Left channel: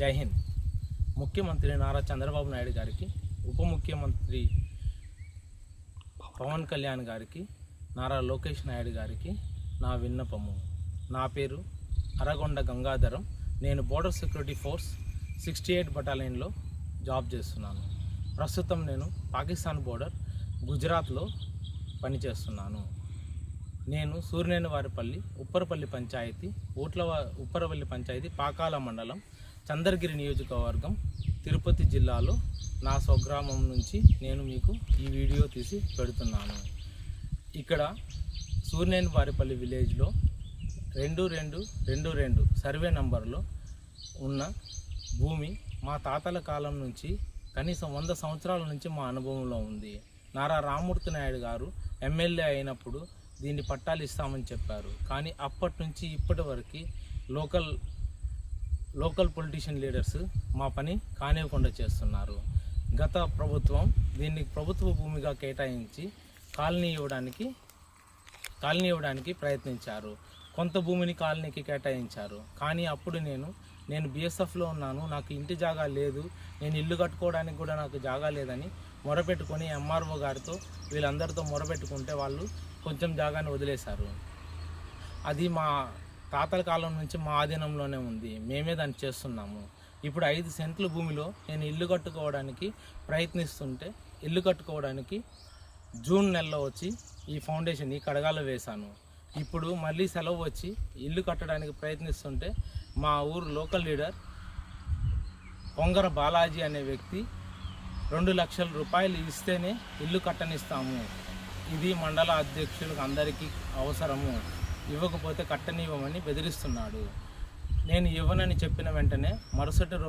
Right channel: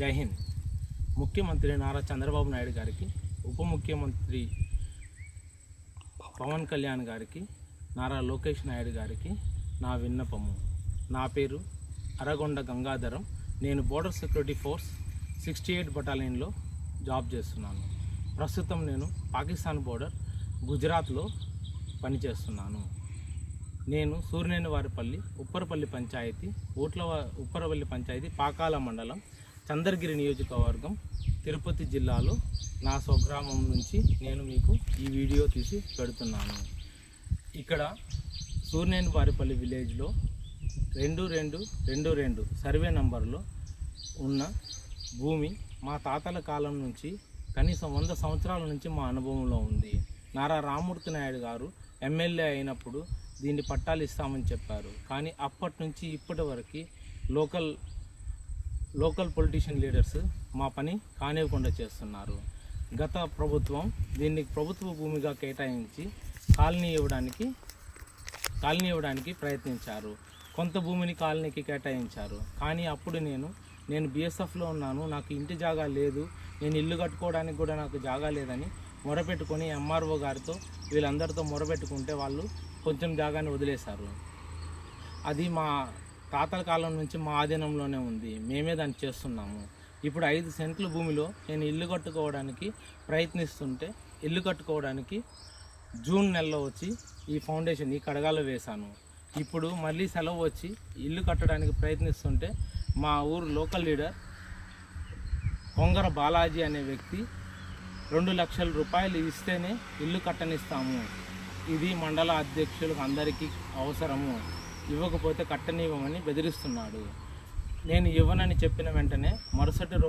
జై హింద్. ముఖ్యమంత్రి నారా చంద్రబాబు నాయుడు గారికి, ఉప ముఖ్యమంత్రి పవన్ కళ్యాణ్ గారికి, నారా లోకేష్ నాయుడు గారికి నా విన్నపము. నా పేరు అరగొండ గంగాధరం. నేను బోర్డర్ సెక్యూరిటీ ఫోర్స్ 68 బటాలియన్లో జాబ్ చేస్తున్నాను. ప్రస్తుతం నేను పాకిస్తాన్ బోర్డర్ గుజరాత్లో పనిచేస్తున్నాను. నేను సూర్యనేనివారిపల్లి ఉప్పరపల్లి పంచాయతీ, ఉప్పరపల్లి పంచాయతీ, పాకాల మండలం, చంద్రగిరి నియోజకవర్గం, తిరుపతి జిల్లాలో నా స్వగ్రామం నుంచి నేను మీకు ఈ వీడియో తీసి పెడుతున్నాను. ఇక్కడ సూర్యనేనివారిపల్లి విలేజ్లో 2222 సర్వే నంబర్లో ఉన్న భూమి మా తాతల కాలం నుంచి కనీసం 100 సంవత్సరాల నుంచి మా అనుభవంలో ఉంది. నారా రామ్మూర్తి నాయుడు గారు ఎమ్మెల్యే అయినప్పుడు దీన్ని పట్టాలు ఇస్తామని చెప్పారు. కానీ అప్పటి నుంచి ఇప్పటి వరకు లోకల్ పొలిటీషియన్ లీడర్స్ మా పని కానివ్వకుండా చేస్తున్నారు. గత ప్రభుత్వం దీన్ని ప్రభుత్వ భూమిగా కేటాయించి కాలనీ ఇవ్వడానికి ప్రయత్నించారు. కొంత భూమిని కాలనీకి కేటాయించారు. కానీ అప్పుడు నేను బీఎస్ఎఫ్లో ఉన్నాను, నాకు ఇంటి జాగా లేదు, నేను ఇల్లు కట్టుకోవడానికి కూడా నాకు జాగా లేదని మొరపెట్టుకొని ఎంఆర్ఓ గారితో వీళ్ళందరితో మొరపెట్టుకుంటే వాళ్ళు కొంచెం జాగాని వదిలేశారు. అది మా తాతల కాలం నుంచి మా ఆధీనంలోనే ఉంది, మేమే దాన్ని చేస్తున్నాము. ఇప్పుడు 5 సెంట్ల భూమిలో నేను ఇల్లు కట్టుకోవడానికి ప్రయత్నిస్తుంటే, ఇల్లు కట్టుకోవడానికి జూన్ నెలలో వచ్చి ఈ ఫౌండేషన్ ఈ కడగాలో వేశాను. ఇప్పుడు మళ్ళీ సెలవు వచ్చి ఇల్లు కట్టడానికి ప్రయత్నిస్తుంటే మా ఊరు లోకల్ లీడర్ పొంగర బాలాజీ అనే వ్యక్తి 2 లక్షల రూపాయలు ఇస్తేనే ఇల్లు కట్టనిస్తాము, ఇది మండల అధ్యక్షులకు అందరికీ అవసరము, ఇవ్వకపోతే కట్టనివ్వమని బెదిరిస్తున్నాడు. నేను ఇవ్వనని చెప్పిన వెంటనే మరుసటి